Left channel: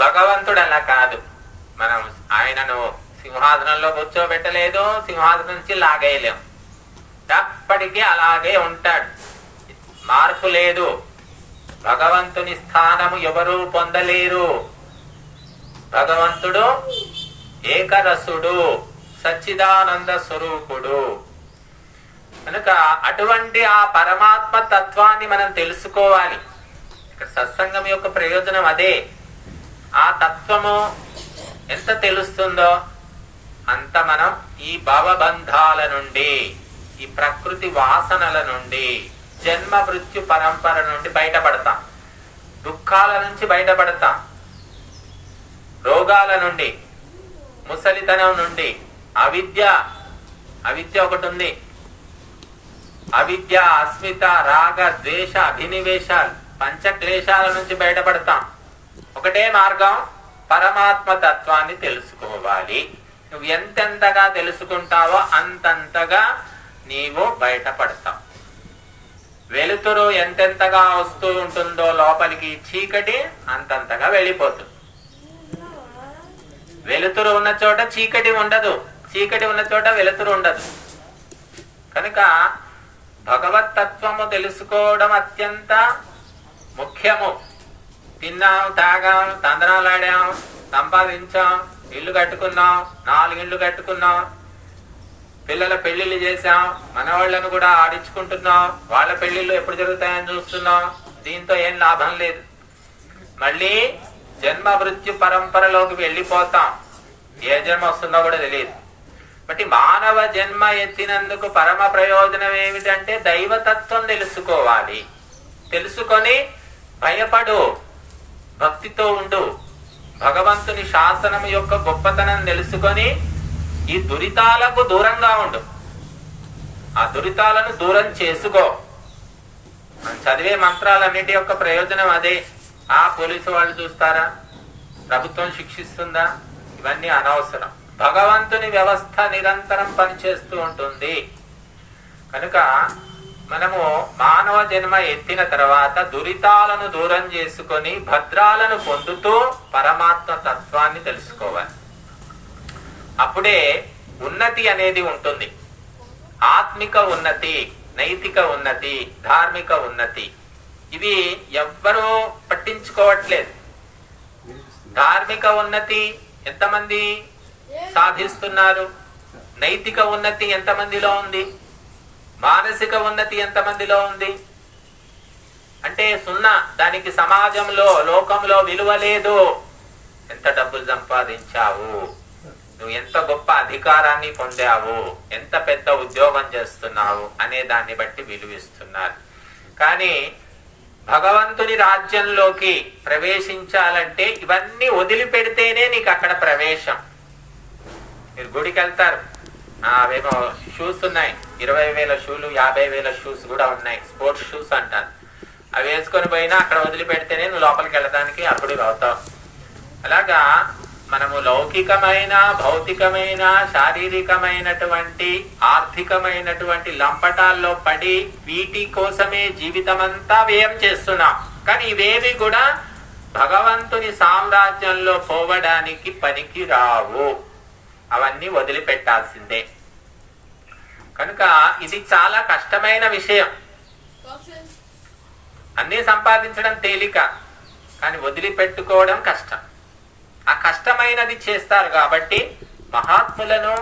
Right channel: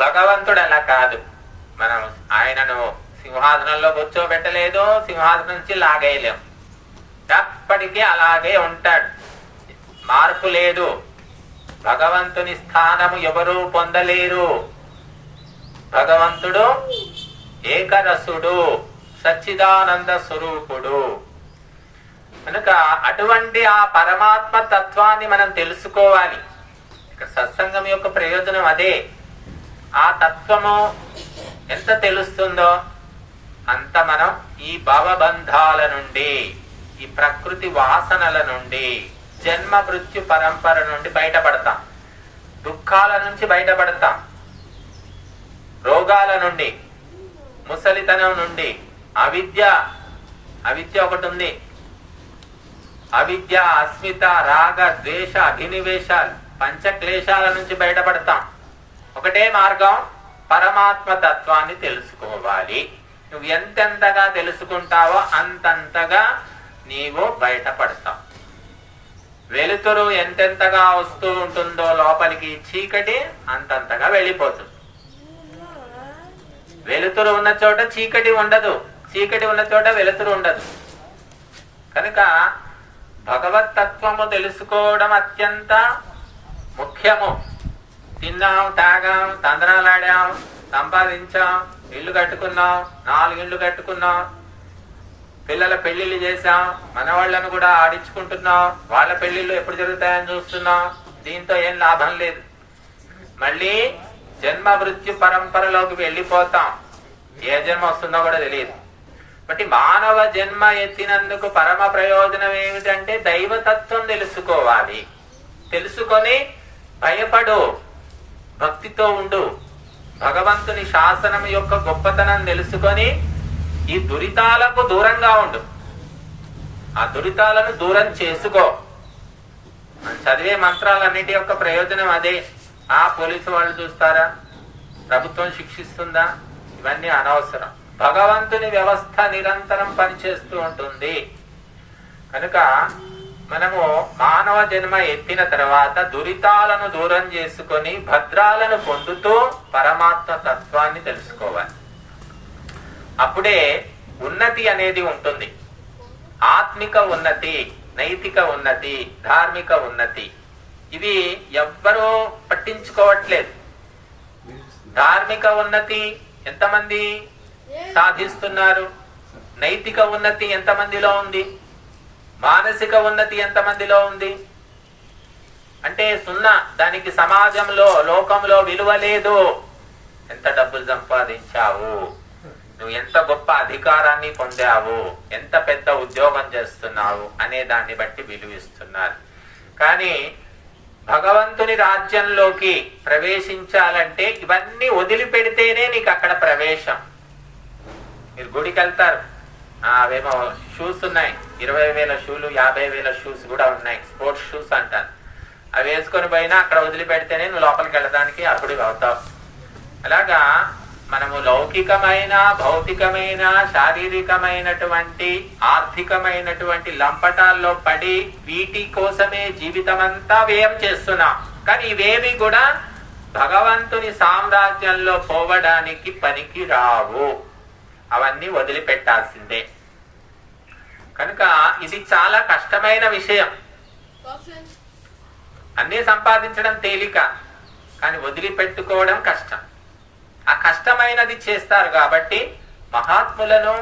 భగవంతుడు అలా కాదు. మనం ఆయనను సింహాసనంలో కూర్చోబెట్టలేదు, సింహాసనం నుంచి లాగేయలేం. ఎప్పటికీ అలాగే ఉంటాడు, మార్పు లేదు. భగవంతుని స్థానము ఎవరూ పొందలేరు. భగవంతుడు ఏకరసుడు, సచ్చిదానంద స్వరూపుడు. కనుక అటువంటి ఆ పరమాత్మ తత్వాన్ని మనం తెలుసుకోవాలి. సత్సంగం యొక్క ప్రయోజనం అదే. ఆ తత్వము ఎంత తెలుస్తుందో అంత మనం ఈ భవబంధాల నుండి, ఈ ప్రకృతి వాసనల నుండి, జన్మ మృత్యు పరంపర నుండి బయటపడతాం. దుఃఖాల నుంచి బయటపడతాం, రోగాల నుండి, ముసలితనం నుండి, అవిద్య ఒకటి ఉంది. అవిద్య, అస్మిత, రాగ, ద్వేష, అభినివేశాలు, పంచక్లేశాల నుంచి బయటపడతాం. ఒకటే మార్గం, పరమాత్మ తత్వాన్ని తెలుసుకోవాలి. నువ్వు ఎంతెంతగా తెలుసుకుంటావో అంతంతగా నీవు బయటపడతావు. వెలుతురు ఎంతెంతగా వస్తూ ఉంటుందో లోపలికి, చీకటి అంతంతగా వెళ్ళిపోతుంది. వెలుతురు ఉన్న చోట చీకటి ఉండదు, చీకటి ఉన్న చోట వెలుతురు ఉండదు. కనుక భగవత్ తత్వము తెలుసుకోవడం అత్యంత ముఖ్యము. తిన్నాం, తాగాం, తందనాలాడాం, సంపాదించాం, ఇల్లు కట్టుకున్నాం, 4 ఇళ్ళు కట్టుకున్నాం, పిల్లల పెళ్లిళ్ళు చేశాం, మనవాళ్లను కూడా ఆడించుకుంటున్నాం, వాళ్ళ పెళ్లిళ్ళు ఎప్పుడు జరుగుతాయని చూస్తున్నాం. దీంతో ఏం లాభం లేదు. మళ్ళీ జన్మ మృత్యు పరంపరలోకి వెళ్ళిపోతాం. ఏ జన్మ వస్తుందో కూడా తెలియదు. బట్టి మానవ జన్మ ఎత్తినందుకు పరమ ప్రయోజనం ఏమిటంటే దైవతత్వం తెలుసుకోవాలి. తెలుసుకొని భయపడు, భక్తితో ఉండు. భగవంతుని శాసనం యొక్క గొప్పతనం తెలుసుకొని ఈ దురితాలకు దూరంగా ఉండు. ఆ దురితాలను దూరం చేసుకో. మనం చదివే మంత్రాలన్నిటి యొక్క ప్రయోజనం అదే. ఆ పోలీసు వాళ్ళు చూస్తారా, ప్రభుత్వం శిక్షిస్తుందా, ఇవన్నీ అనవసరం. భగవంతుని వ్యవస్థ నిరంతరం పనిచేస్తూ ఉంటుంది. కనుక మనము మానవ జన్మ ఎత్తిన తర్వాత దురితాలను దూరం చేసుకొని భద్రాలను పొందుతూ పరమాత్మ తత్వాన్ని తెలుసుకోవాలి. అప్పుడే ఉన్నతి అనేది ఉంటుంది. ఆత్మిక ఉన్నతి, నైతిక ఉన్నతి, ధార్మిక ఉన్నతి, ఇవి ఎవ్వరూ పట్టించుకోవట్లేదు. ధార్మిక ఉన్నతి ఎంతమంది సాధిస్తున్నారు? నైతిక ఉన్నతి ఎంతమందిలో ఉంది? మానసిక ఉన్నతి ఎంతమందిలో ఉంది? అంటే సున్నా. దానికి సమాజంలో, లోకంలో విలువ లేదు. ఎంత డబ్బులు సంపాదించావు, నువ్వు ఎంత గొప్ప అధికారాన్ని పొందావు, ఎంత పెద్ద ఉద్యోగం చేస్తున్నావు అనే దాన్ని బట్టి విలువిస్తున్నారు. కానీ భగవంతుని రాజ్యంలోకి ప్రవేశించాలంటే ఇవన్నీ వదిలిపెడితేనే నీకు అక్కడ ప్రవేశం. మీరు గుడికి వెళ్తారు, అవేమో షూస్ ఉన్నాయి, 20,000 షూలు, 50,000 షూస్ కూడా ఉన్నాయి, స్పోర్ట్స్ షూస్ అంటారు. అవి వేసుకొని పోయినా అక్కడ వదిలిపెడితేనే నువ్వు లోపలికి వెళ్ళడానికి అర్హుడివి అవుతావు. అలాగా మనము లౌకికమైన, భౌతికమైన, శారీరకమైనటువంటి, ఆర్థికమైనటువంటి లంపటాల్లో పడి వీటి కోసమే జీవితం అంతా వ్యయం చేస్తున్నాం. కానీ ఇవేవి కూడా భగవంతుని సామ్రాజ్యంలో పోవడానికి పనికి రావు. అవన్నీ వదిలిపెట్టాల్సిందే. కనుక ఇది చాలా కష్టమైన విషయం. అన్నీ సంపాదించడం తేలిక, కానీ వదిలిపెట్టుకోవడం కష్టం. ఆ కష్టమైనది చేస్తారు కాబట్టి మహాత్ములను,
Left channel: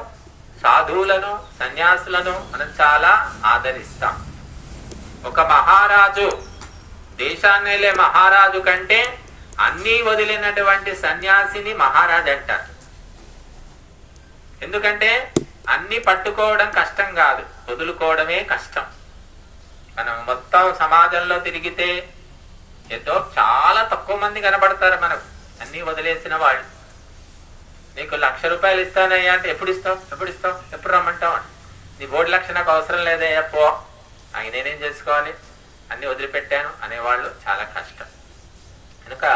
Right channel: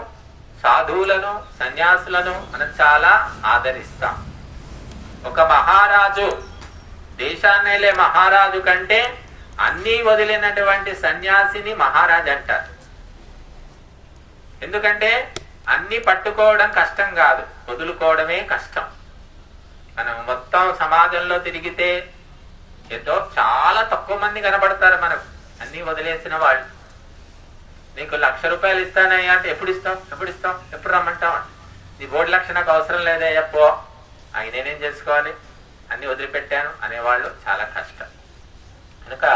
సాధువులను, సన్యాసులను మనం చాలా ఆదరిస్తాం. ఒక మహారాజు, దేశాన్నేలే మహారాజు కంటే అన్నీ వదిలినటువంటి సన్యాసిని మహారాజు అంటారు. ఎందుకంటే అన్ని పట్టుకోవడం కష్టం కాదు, వదులుకోవడమే కష్టం. మనం మొత్తం సమాజంలో తిరిగితే ఏదో చాలా తక్కువ మంది కనబడతారు మనకు అన్ని వదిలేసిన వాళ్ళు. నీకు 1,00,000 రూపాయలు ఇస్తానయ్యా అంటే ఎప్పుడు ఇస్తావు, ఎప్పుడు రమ్మంటావు, నీ బోర్డు లక్ష నాకు అవసరం లేదే, పో, నేనేం చేసుకోవాలి, అన్ని వదిలిపెట్టాను అనేవాళ్ళు చాలా కష్టం. కనుక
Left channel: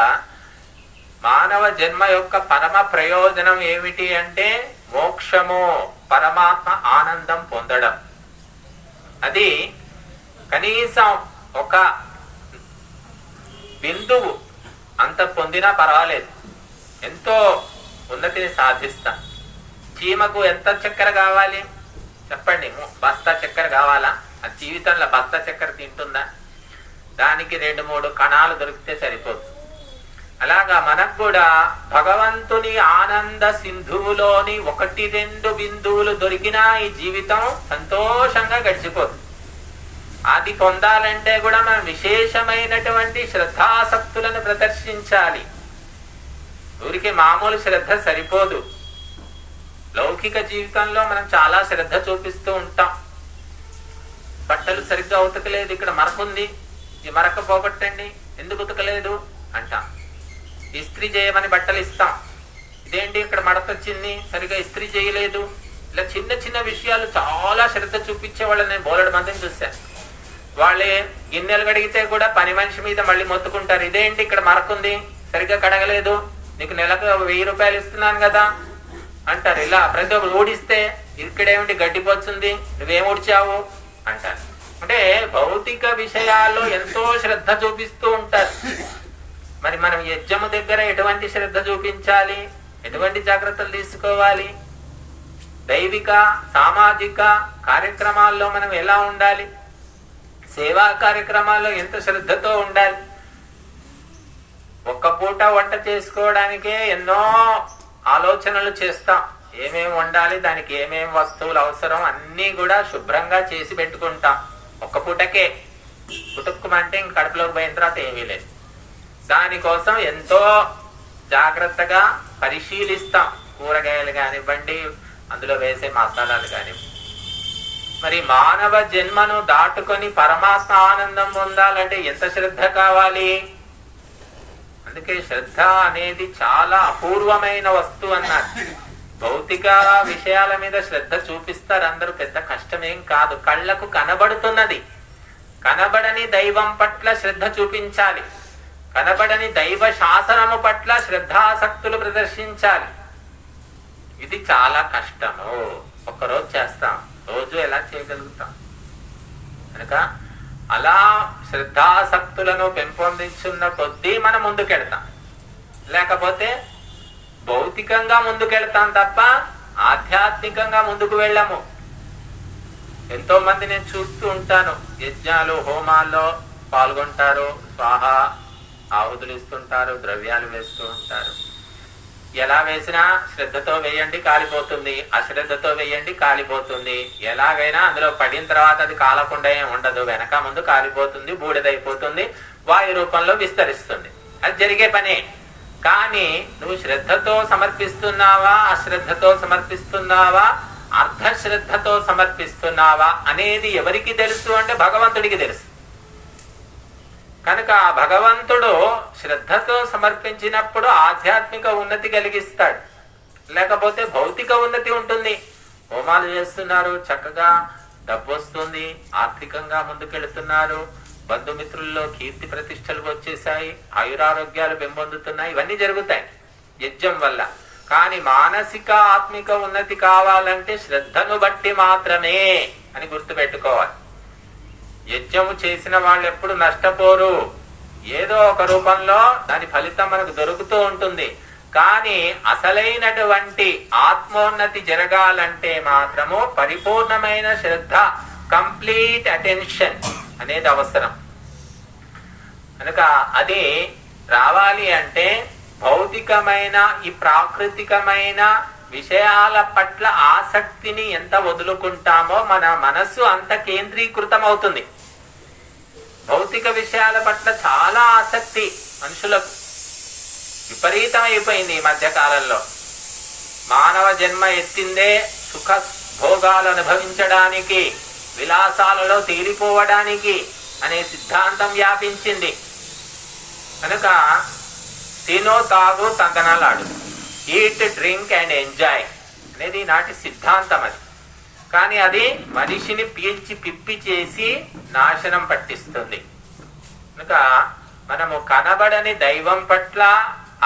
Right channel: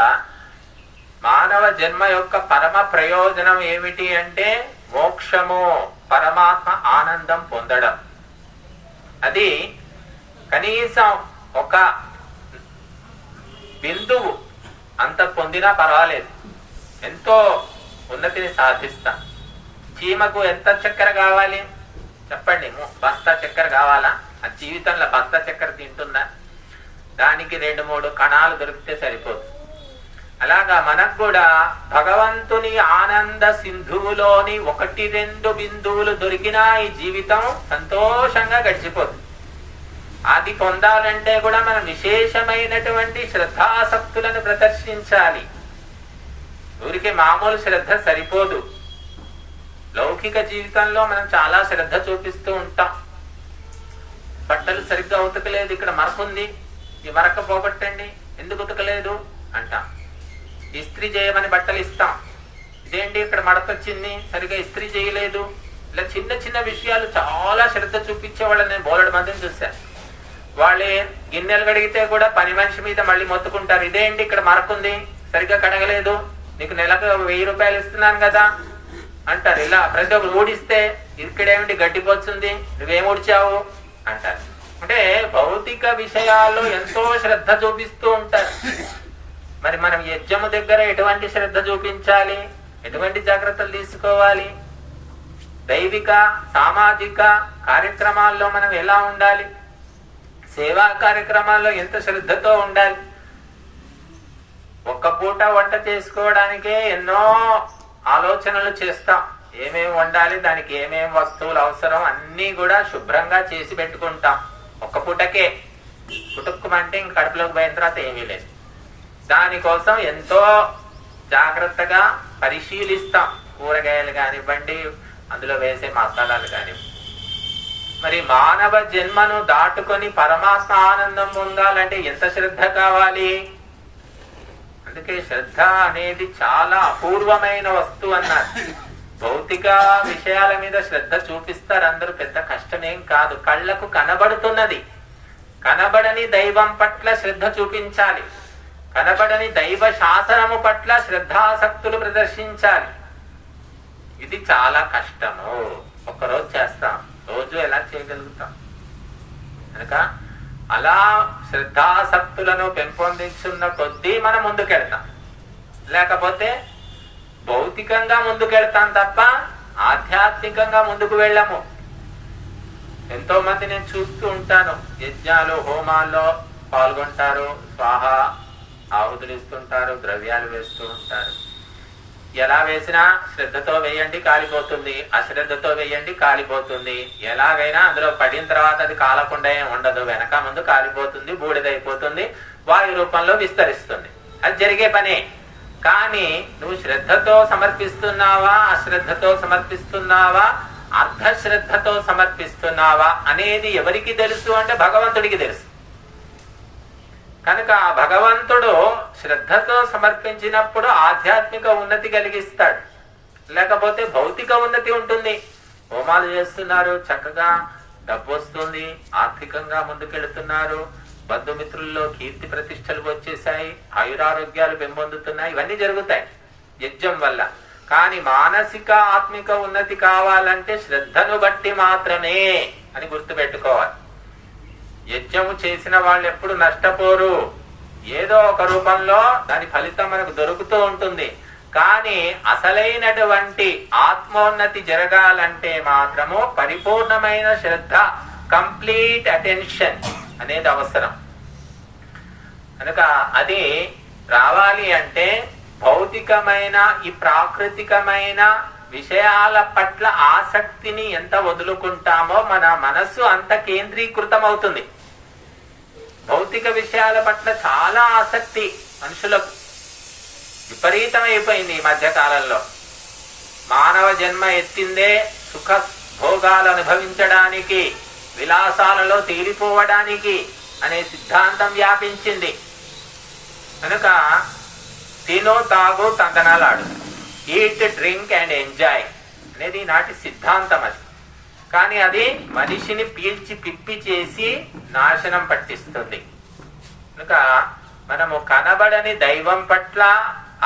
మానవ జన్మ యొక్క పరమ ప్రయోజనం ఏమిటి అంటే మోక్షము, పరమాత్మ ఆనందం పొందడం. అది కనీసం ఒక బిందువు అంత పొందినా పర్వాలేదు. ఎంతో ఉన్నతిని సాధిస్తాం. చీమకు ఎంత చక్కెర కావాలి చెప్పండి? బస్తా చక్కెర కావాలా? ఆ జీవితంలో బస్తా చక్కెర తింటుందా? దానికి 2-3 కణాలు దొరికితే సరిపోతుంది. అలాగా మనకు కూడా భగవంతుని ఆనంద సింధువులోని 1-2 బిందువులు దొరికినా ఈ జీవితం సంతోషంగా గడిచిపోతుంది. అది పొందాలంటే కూడా మనం విశేషమైనటువంటి శ్రద్ధాసక్తులను ప్రదర్శించాలి. ఊరికే మామూలు శ్రద్ధ సరిపోదు. లౌకిక జీవితంలో మనం చాలా శ్రద్ధ చూపిస్తూ ఉంటాం. బట్టలు సరిగ్గా ఉతకలేదు, ఇక్కడ మరకుంది, ఈ మరక పోగొట్టండి, ఎందుకు ఉతకలేదు అంటాం. ఇస్త్రీ చేయమని బట్టలు ఇస్తాం, ఇదేంటి ఇక్కడ మడతొచ్చింది, సరిగా ఇస్త్రీ చేయలేదు. ఇలా చిన్న చిన్న విషయాలు చాలా శ్రద్ధ చూపించే వాళ్ళని నేను బోలెడు మందిని చూశాను. వాళ్ళే గిన్నెలు కడిగితే కూడా పని మనిషి మీద మళ్ళీ మొత్తుకుంటారు, ఇదేంటి ఇక్కడ మరకుంది, సరిగ్గా కడగలేదు, నీకు నెలకు 1000 రూపాయలు ఇస్తున్నాను కదా అంటారు. ఇలా ప్రతి ఒక్కరు ఊడిస్తే ఇక్కడేమిటి గడ్డిపోతుంది, నువ్వేం ఊడ్చావు అంటారు. అంటే భౌతిక విషయాల్లో ఎంతో శ్రద్ధ చూపిస్తూ ఉంటారు. మరి మనం యజ్ఞము దగ్గర ఎటువంటి శ్రద్ధ చూపించాలి, ఎటువంటి జాగ్రత్తలు తీసుకోవాలి, దైవిక సామాజిక కార్యక్రమాల్లో మనం ఎలా ఉండాలి, సేవా కార్యక్రమాల్లో ఎంత శ్రద్ధతో ఉండాలి. ఒక్క పూట వంట చేసుకోవడానికే ఎన్నో ఆలోచనలు చేస్తాం. ఏమేమి వండాలి, దానికి ఏమేమి వస్తువులు అవసరం అన్నీ కూడా శుభ్రంగా చేసి పెట్టుకుంటాం. ఒక్క పూటకే కుటుక్కుమంటే ఇంక కడుపులోకి పోయిన తర్వాత ఏమీ లేదు. దానికోసం ఎంతో జాగ్రత్తగా పరిశీలిస్తాం. కూరగాయలు కానివ్వండి, అందులో వేసే మసాలాలు కాని. మరి మానవ జన్మను దాటుకొని పరమాత్మ ఆనందం పొందాలంటే ఎంత శ్రద్ధ కావాలి? అందుకే శ్రద్ధ అనేది చాలా అపూర్వమైన వస్తువు అన్నారు. భౌతిక విషయాల మీద శ్రద్ధ చూపిస్తారు అందరూ, పెద్ద కష్టమేం కాదు. కళ్లకు కనబడుతున్నది, కనబడని దైవం పట్ల శ్రద్ధ చూపించాలి. కనబడని దైవ శాసనము పట్ల శ్రద్ధాసక్తులు ప్రదర్శించాలి. ఇది చాలా కష్టము. ఒక్కరోజు చేస్తాం, రోజు ఎలా చేయగలుగుతాం? కనుక అలా శ్రద్ధాసక్తులను పెంపొందించున్న కొద్దీ మనం ముందుకెళ్తాం. లేకపోతే భౌతికంగా ముందుకెళ్తాం తప్ప ఆధ్యాత్మికంగా ముందుకు వెళ్ళము. ఎంతో మంది నేను చూస్తూ ఉంటాను, యజ్ఞాలు హోమాల్లో పాల్గొంటారు, స్వాహ ఆహుతులు ఇస్తుంటారు, ద్రవ్యాలు వేస్తూ ఉంటారు. ఎలా వేసినా శ్రద్ధతో వేయండి కాలిపోతుంది, అశ్రద్ధతో వేయండి కాలిపోతుంది. ఎలాగైనా అందులో పడిన తర్వాత అది కాలకుండా ఏం ఉండదు, వెనక ముందు కాలిపోతుంది, బూడిదైపోతుంది, వాయు రూపంలో విస్తరిస్తుంది. అది జరిగే పనే. కానీ నువ్వు శ్రద్ధతో సమర్పిస్తున్నావా, అశ్రద్ధతో సమర్పిస్తున్నావా, అర్ధశ్రద్ధతో సమర్పిస్తున్నావా అనేది ఎవరికి తెలుసు అంటే భగవంతుడికి తెలుసు. కనుక ఆ భగవంతుడు శ్రద్ధతో సమర్పించినప్పుడు ఆధ్యాత్మిక ఉన్నతి కలిగిస్తాడు. లేకపోతే భౌతిక ఉన్నతి ఉంటుంది. హోమాలు చేస్తున్నారు, చక్కగా డబ్బు వస్తుంది, ఆర్థికంగా ముందుకెళ్తున్నారు, బంధుమిత్రుల్లో కీర్తి ప్రతిష్టలు వచ్చేసాయి, ఆయురారోగ్యాలు పెంపొందుతున్నాయి, ఇవన్నీ జరుగుతాయి యజ్ఞం వల్ల. కానీ మానసిక ఆత్మిక ఉన్నతి కావాలంటే శ్రద్ధను బట్టి మాత్రమే అని గుర్తుపెట్టుకోవాలి. యజ్ఞము చేసిన వాళ్ళు ఎప్పుడు నష్టపోరు. ఏదో ఒక రూపంలో దాని ఫలితం మనకు దొరుకుతూ ఉంటుంది. కానీ అసలైనటువంటి ఆత్మోన్నతి జరగాలంటే మాత్రము పరిపూర్ణమైన శ్రద్ధ, కంప్లీట్ అటెన్షన్ అనేది అవసరం. కనుక అది రావాలి అంటే భౌతికమైన ఈ ప్రాకృతికమైన విషయాల పట్ల ఆసక్తిని ఎంత వదులుకుంటామో మన మనస్సు అంత కేంద్రీకృతం అవుతుంది. భౌతిక విషయాల పట్ల చాలా ఆసక్తి మనుషులకు విపరీతం అయిపోయింది ఈ మధ్య కాలంలో. మానవ జన్మ ఎత్తిందే సుఖ భోగాలు అనుభవించడానికి, విలాసాలలో తేలిపోవడానికి అనే సిద్ధాంతం వ్యాపించింది. కనుక తినో తాగు తందనాలాడు, ఈట్ డ్రింక్ అండ్ ఎంజాయ్ అనేది నాటి సిద్ధాంతం. అది కానీ అది మనిషిని పీల్చి పిప్పి చేసి నాశనం పట్టిస్తుంది. కనుక మనము కనబడని దైవం పట్ల,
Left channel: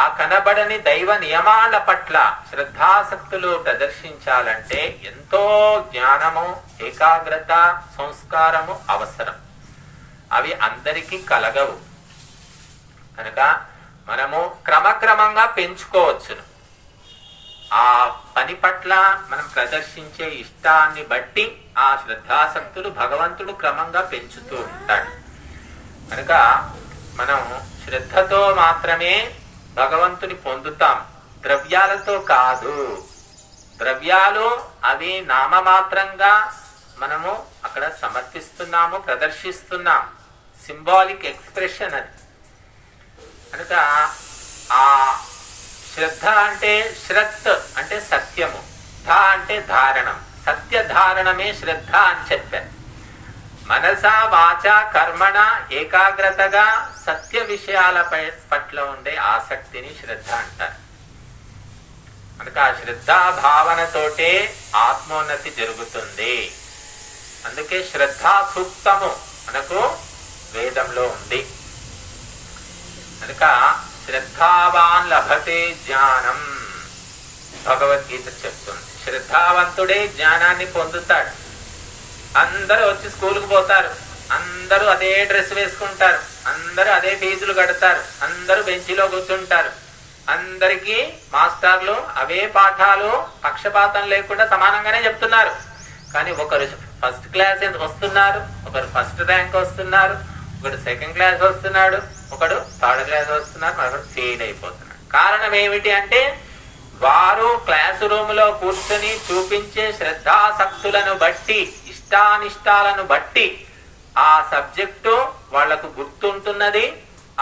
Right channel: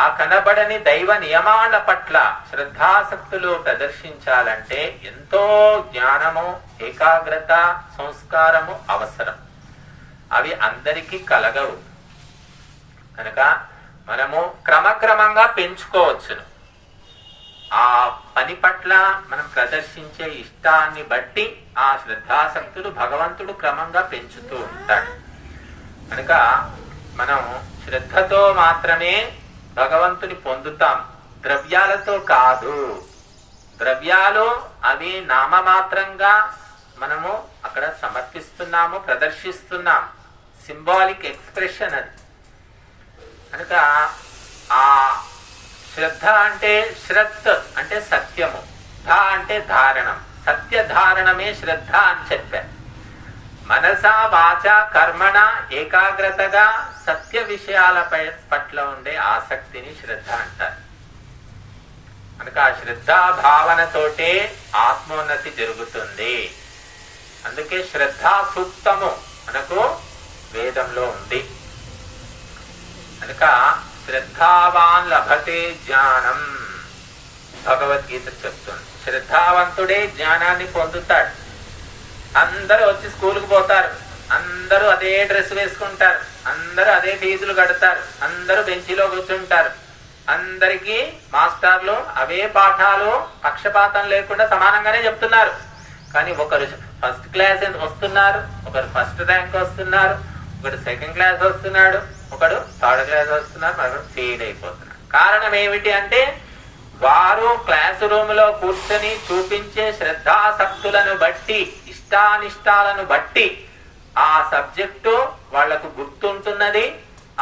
ఆ కనబడని దైవ నియమాల పట్ల శ్రద్ధాసక్తులు ప్రదర్శించాలంటే ఎంతో జ్ఞానము, ఏకాగ్రత, సంస్కారము అవసరం. అవి అందరికీ కలగవు. కనుక మనము క్రమక్రమంగా పెంచుకోవచ్చును. ఆ పని పట్ల మనం ప్రదర్శించే ఇష్టాన్ని బట్టి ఆ శ్రద్ధాసక్తులు భగవంతుడు క్రమంగా పెంచుతూ ఉంటాడు. కనుక మనం శ్రద్ధతో మాత్రమే భగవంతుని పొందుతాం, ద్రవ్యాలతో కాదు. ద్రవ్యాలు అవి నామమాత్రంగా మనము అక్కడ సమర్పిస్తున్నాము, ప్రదర్శిస్తున్నాం, సింబాలిక్ ఎక్స్ప్రెషన్ అది. కనుక ఆ శ్రద్ధ అంటే శ్రత్ అంటే సత్యము, ధ అంటే ధారణం, సత్య ధారణమే శ్రద్ధ అని చెప్పారు. మనస వాచ కర్మణ ఏకాగ్రతగా సత్య విషయాల పట్ల ఉండే ఆసక్తిని శ్రద్ధ అంటారు. కనుక ఆ శ్రద్ధా భావనతోటే ఆత్మోన్నతి జరుగుతుంది. అందుకే శ్రద్ధా సూక్తము మనకు వేదంలో ఉంది. కనుక శ్రద్ధావాన్ లభతే జ్ఞానం భగవద్గీత చెప్తుంది. శ్రద్ధావంతుడే జ్ఞానాన్ని పొందుతాడు. అందరూ వచ్చి స్కూల్కి పోతారు, అందరూ అదే డ్రెస్ వేసుకుంటారు, అందరూ అదే ఫీజులు కడతారు, అందరూ బెంచీలో కూర్చుంటారు, అందరికీ మాస్టర్లు అవే పాఠాలు పక్షపాతం లేకుండా సమానంగానే చెప్తున్నారు. కానీ ఒకరు ఫస్ట్ క్లాస్ వస్తున్నారు, ఒకరు ఫస్ట్ ర్యాంక్ వస్తున్నారు, ఒకడు సెకండ్ క్లాస్ వస్తున్నాడు, ఒకడు థర్డ్ క్లాస్ వస్తున్నారు, మరొకరు ఫెయిల్ అయిపోతున్నారు. కారణం ఏమిటి అంటే వారు క్లాస్ రూమ్ లో కూర్చొని చూపించే శ్రద్ధాసక్తులను బట్టి, ఇష్టానిష్టాలను బట్టి ఆ సబ్జెక్టు వాళ్లకు గుర్తుంటున్నది.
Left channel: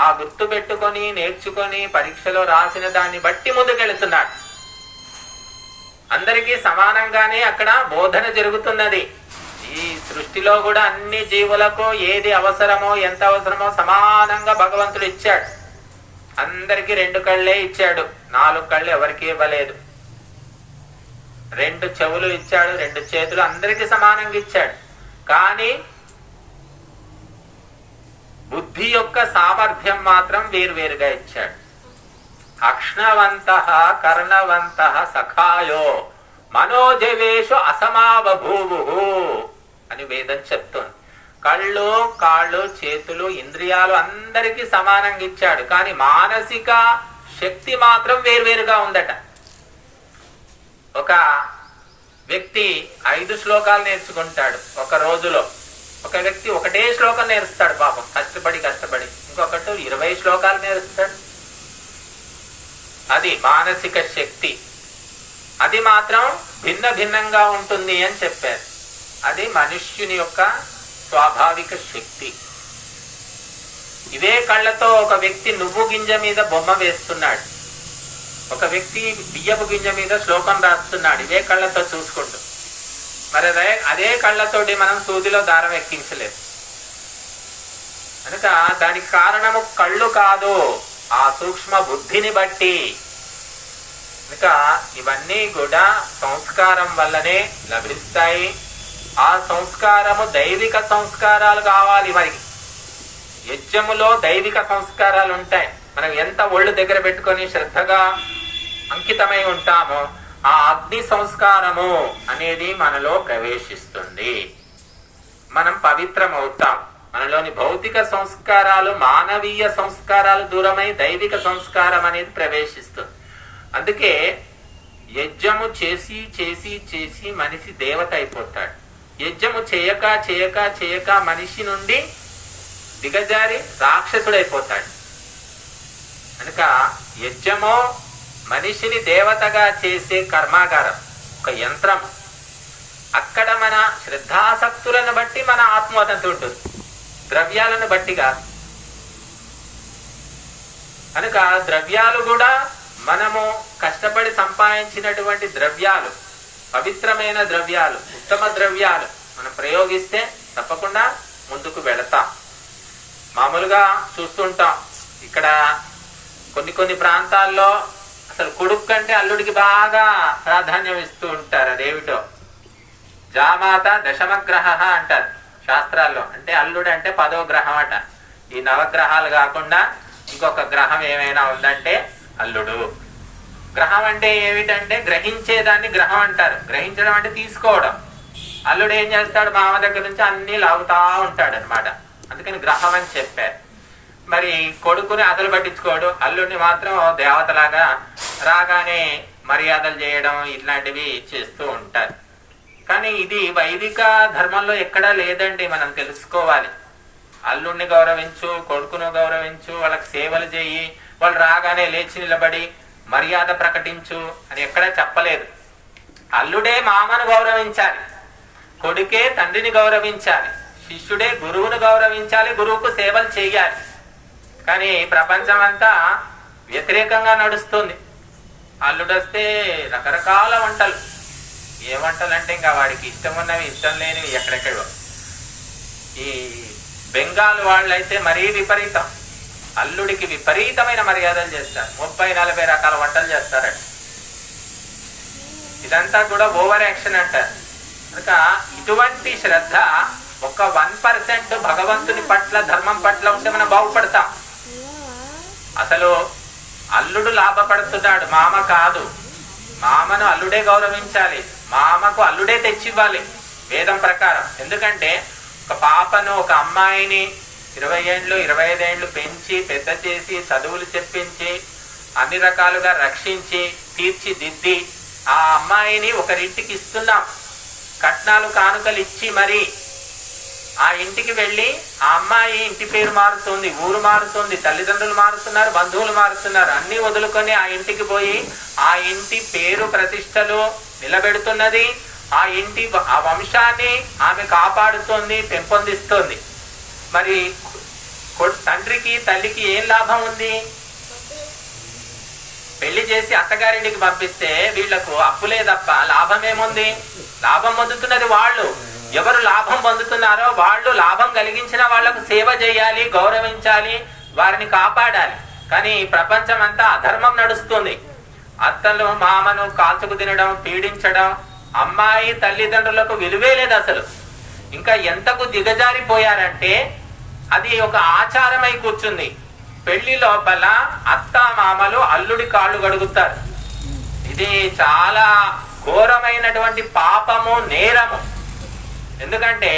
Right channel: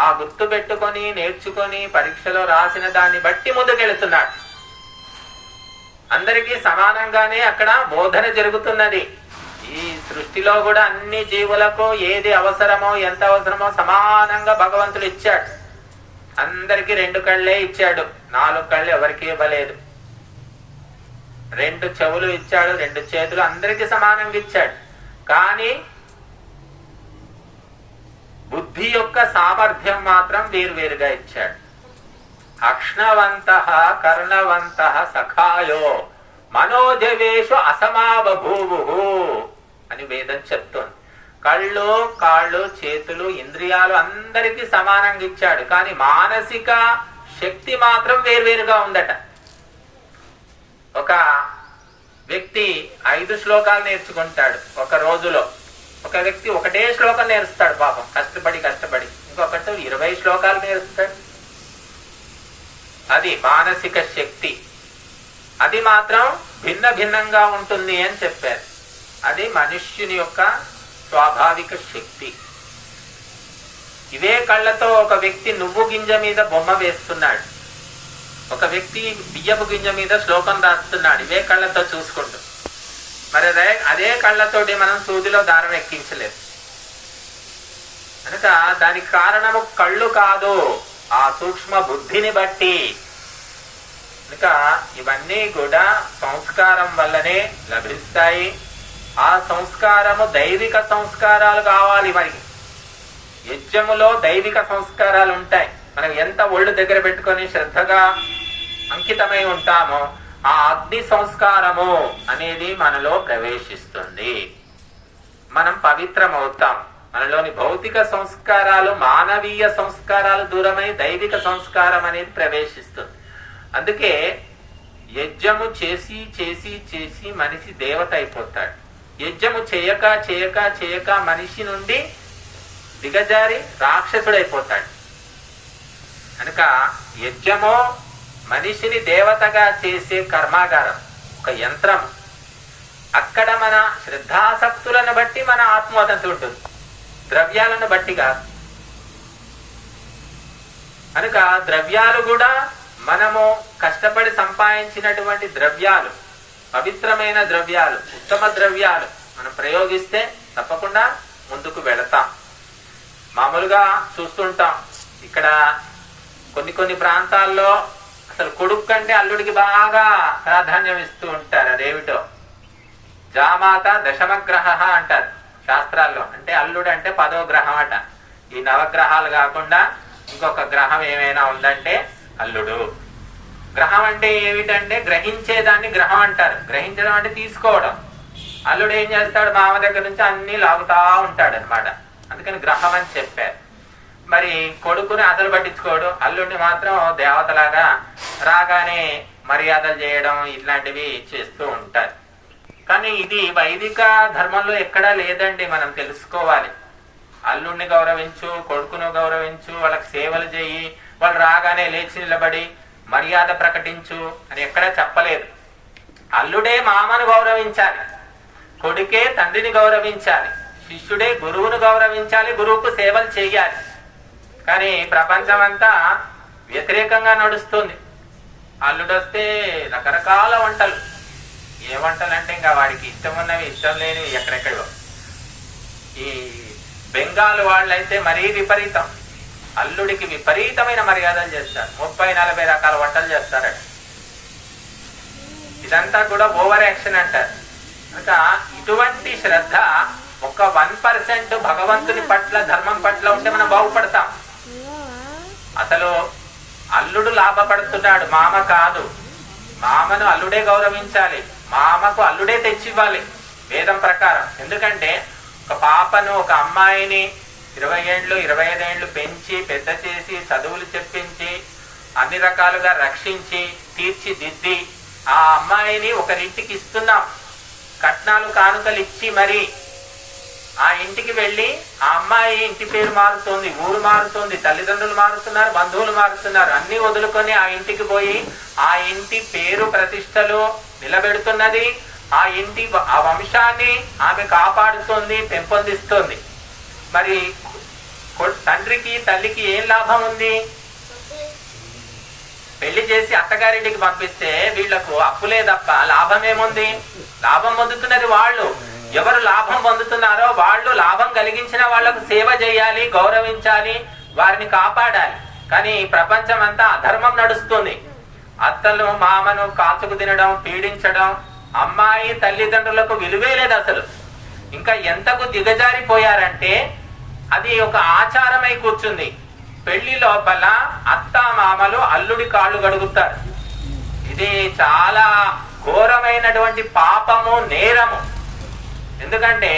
ఆ గుర్తు పెట్టుకొని నేర్చుకొని పరీక్షలో రాసిన దాన్ని బట్టి ముందుకెళ్తున్నాడు. అందరికీ సమానంగానే అక్కడ బోధన జరుగుతున్నది. ఈ సృష్టిలో కూడా అన్ని జీవులకు ఏది అవసరమో ఎంత అవసరమో సమానంగా భగవంతుడు ఇచ్చాడు. అందరికి 2 కళ్ళే ఇచ్చాడు, 4 కళ్ళు ఎవరికి ఇవ్వలేదు. 2 చెవులు ఇచ్చాడు, 2 చేతులు అందరికి సమానంగా ఇచ్చాడు. కానీ బుద్ధి యొక్క సామర్థ్యం మాత్రం వేరువేరుగా ఇచ్చాడు. అక్ష్ణవంత కర్ణవంత సఖాయో మనోజవేషు అసమావభూవు అని వేదం చెప్తోంది. కళ్ళు, కాళ్ళు, చేతులు, ఇంద్రియాలు అందరికీ సమానంగా ఇచ్చాడు. కానీ మానసిక శక్తి మాత్రం వేరువేరుగా ఉందట. ఒక వ్యక్తి 5 శ్లోకాలు నేర్చుకుంటాడు ఒక రోజులో, ఒక వ్యక్తి ఒకటే శ్లోకం నేర్చుతాడు పాపం కష్టపడి, ఇంకొకటి 20 శ్లోకాలు నేర్చుతాడు. అది మానసిక శక్తి. అది మాత్రం భిన్న భిన్నంగా ఉంటుంది అని చెప్పారు. అది మనుష్యుని యొక్క స్వాభావిక శక్తి. ఇవే కళ్ళతో ఒక వ్యక్తి నువ్వు గింజ మీద బొమ్మ వేస్తున్నాడు, ఒక వ్యక్తి బియ్యపు గింజ మీద శ్లోకం రాస్తున్నాడు, ఇవే కళ్ళతో చూసుకుంటూ. మరి అదే కళ్ళతోటి మనం సూదిలో దారం ఎక్కించలేదు. కనుక దానికి కారణము కళ్ళు కాదు, ఆ సూక్ష్మ బుద్ధిని బట్టి. కనుక ఇవన్నీ కూడా సంస్కారం వల్లనే లభిస్తాయి. ఆ సంస్కారము దైవిక సంస్కారాలు కావాలి. మనకి యజ్ఞములో దైవిక సంస్కారాలు ఉంటాయి. మనం ఎంత ఒళ్ళు దగ్గర పెట్టుకొని శ్రద్ధగా అంకితమై ఉంటామో ఆ అగ్ని సంస్కారము అనేది మనలో ప్రవేశిస్తుంది. మనం పవిత్రమవుతాం. మనలోని భౌతిక సంస్కారాలు, మానవీయ సంస్కారాలు దూరమై దైవిక సంస్కారం అనేది ప్రవేశిస్తుంది. అందుకే యజ్ఞము చేసి చేసి చేసి మనిషి దేవత అయిపోతాడు. యజ్ఞము చేయక చేయక చేయక మనిషి నుండి దిగజారి రాక్షసుడైపోతాడు. కనుక యజ్ఞము మనిషిని దేవతగా చేసే కర్మాగారం, ఒక యంత్రం. అక్కడ మన శ్రద్ధాసక్తులను బట్టి మన ఆత్మోన్నతి ఉంటుంది, ద్రవ్యాలను బట్టి కాదు. కనుక ద్రవ్యాలు కూడా మనము కష్టపడి సంపాదించినటువంటి ద్రవ్యాలు, పవిత్రమైన ద్రవ్యాలు, ఉత్తమ ద్రవ్యాలు మనం ప్రయోగిస్తే తప్పకుండా ముందుకు వెళతాం. మామూలుగా చూస్తుంటాం ఇక్కడ కొన్ని ప్రాంతాల్లో అసలు కొడుకు కంటే అల్లుడికి బాగా ప్రాధాన్యం ఇస్తూ ఉంటారు. అదేమిటో జామాత దశమగ్రహ అంటారు శాస్త్రాల్లో. అంటే అల్లుడు అంటే 10వ గ్రహం అట. ఈ నవగ్రహాలు కాకుండా ఇంకొక గ్రహం ఏమైనా ఉందంటే అల్లుడు. గ్రహం అంటే ఏమిటంటే గ్రహించేదాన్ని గ్రహం అంటారు. గ్రహించడం అంటే తీసుకోవడం. అల్లుడు ఏం చేస్తాడు, మామ దగ్గర నుంచి అన్ని లాగుతా ఉంటాడు అనమాట. అందుకని గ్రహం అని చెప్పారు. మరి కొడుకుని అదలు పట్టించుకోడు, అల్లుడిని మాత్రం దేవతలాగా రాగానే మర్యాదలు చేయడం ఇట్లాంటివి చేస్తూ ఉంటారు. కానీ ఇది వైదిక ధర్మంలో ఎక్కడా లేదండి, మనం తెలుసుకోవాలి. అల్లుడిని గౌరవించు, కొడుకును గౌరవించు, వాళ్ళకి సేవలు చేయి, వాళ్ళు రాగానే లేచి నిలబడి మర్యాద ప్రకటించు అని ఎక్కడా చెప్పలేదు. అల్లుడే మామను గౌరవించాలి, కొడుకే తండ్రిని గౌరవించాలి, శిష్యుడే గురువును గౌరవించాలి, గురువుకు సేవలు చేయాలి. కానీ ప్రపంచం అంతా వ్యతిరేకంగా నడుస్తుంది. అల్లుడు వస్తే రకరకాల వంటలు, ఏ వంటలు అంటే ఇంకా వాడికి ఇష్టం ఉన్నవి ఇష్టం లేనివి ఎక్కడెక్కడో. ఈ బెంగాల్ వాళ్ళైతే మరీ విపరీతం, అల్లుడికి విపరీతమైన మర్యాదలు చేస్తారు, 30-40 రకాల వంటలు చేస్తారట. ఇదంతా కూడా ఓవర్ యాక్షన్ అంటారు. ఇంకా ఇటువంటి శ్రద్ధ ఒక 1% భగవంతుని పట్ల ధర్మం పట్ల ఉంటే మనం బాగుపడతాం. అసలు అల్లుడు లాభపడుతున్నాడు, మామ కాదు. మామను అల్లుడే గౌరవించాలి, మామకు అల్లుడే తెచ్చివ్వాలి వేదం ప్రకారం. ఎందుకంటే ఒక పాపను, ఒక అమ్మాయిని 20 ఏళ్ళు 25 ఏళ్ళు పెంచి పెద్ద చేసి చదువులు చెప్పించి అన్ని రకాలుగా రక్షించి తీర్చిదిద్ది ఆ అమ్మాయిని ఒకరింటికి ఇస్తున్నాం, కట్నాలు కానుకలు ఇచ్చి మరి ఆ ఇంటికి వెళ్లి ఆ అమ్మాయి ఇంటి పేరు మారుతుంది, ఊరు మారుతుంది, తల్లిదండ్రులు మారుతున్నారు, బంధువులు మారుతున్నారు, అన్ని వదులుకొని ఆ ఇంటికి పోయి ఆ ఇంటి పేరు ప్రతిష్టలు నిలబెడుతున్నది, ఆ ఇంటి ఆ వంశాన్ని ఆమె కాపాడుతోంది, పెంపొందిస్తోంది. మరి తండ్రికి తల్లికి ఏం లాభం ఉంది? పెళ్లి చేసి అత్తగారింటికి పంపిస్తే వీళ్లకు అప్పులే తప్ప లాభం ఏముంది? లాభం పొందుతున్నది వాళ్ళు. ఎవరు లాభం పొందుతున్నారో వాళ్ళు లాభం కలిగించిన వాళ్లకు సేవ చేయాలి, గౌరవించాలి, వారిని కాపాడాలి. కానీ ప్రపంచం అంతా అధర్మం నడుస్తుంది. అత్తలు మామను కాచుకు తినడం, పీడించడం, అమ్మాయి తల్లిదండ్రులకు విలువే లేదు అసలు. ఇంకా ఎంతకు దిగజారిపోయారంటే అది ఒక ఆచారమై కూర్చుంది. పెళ్లి లోపల అత్త మామలు అల్లుడి కాళ్ళు గడుగుతారు. ఇది చాలా ఘోరమైనటువంటి పాపము, నేరము. ఎందుకంటే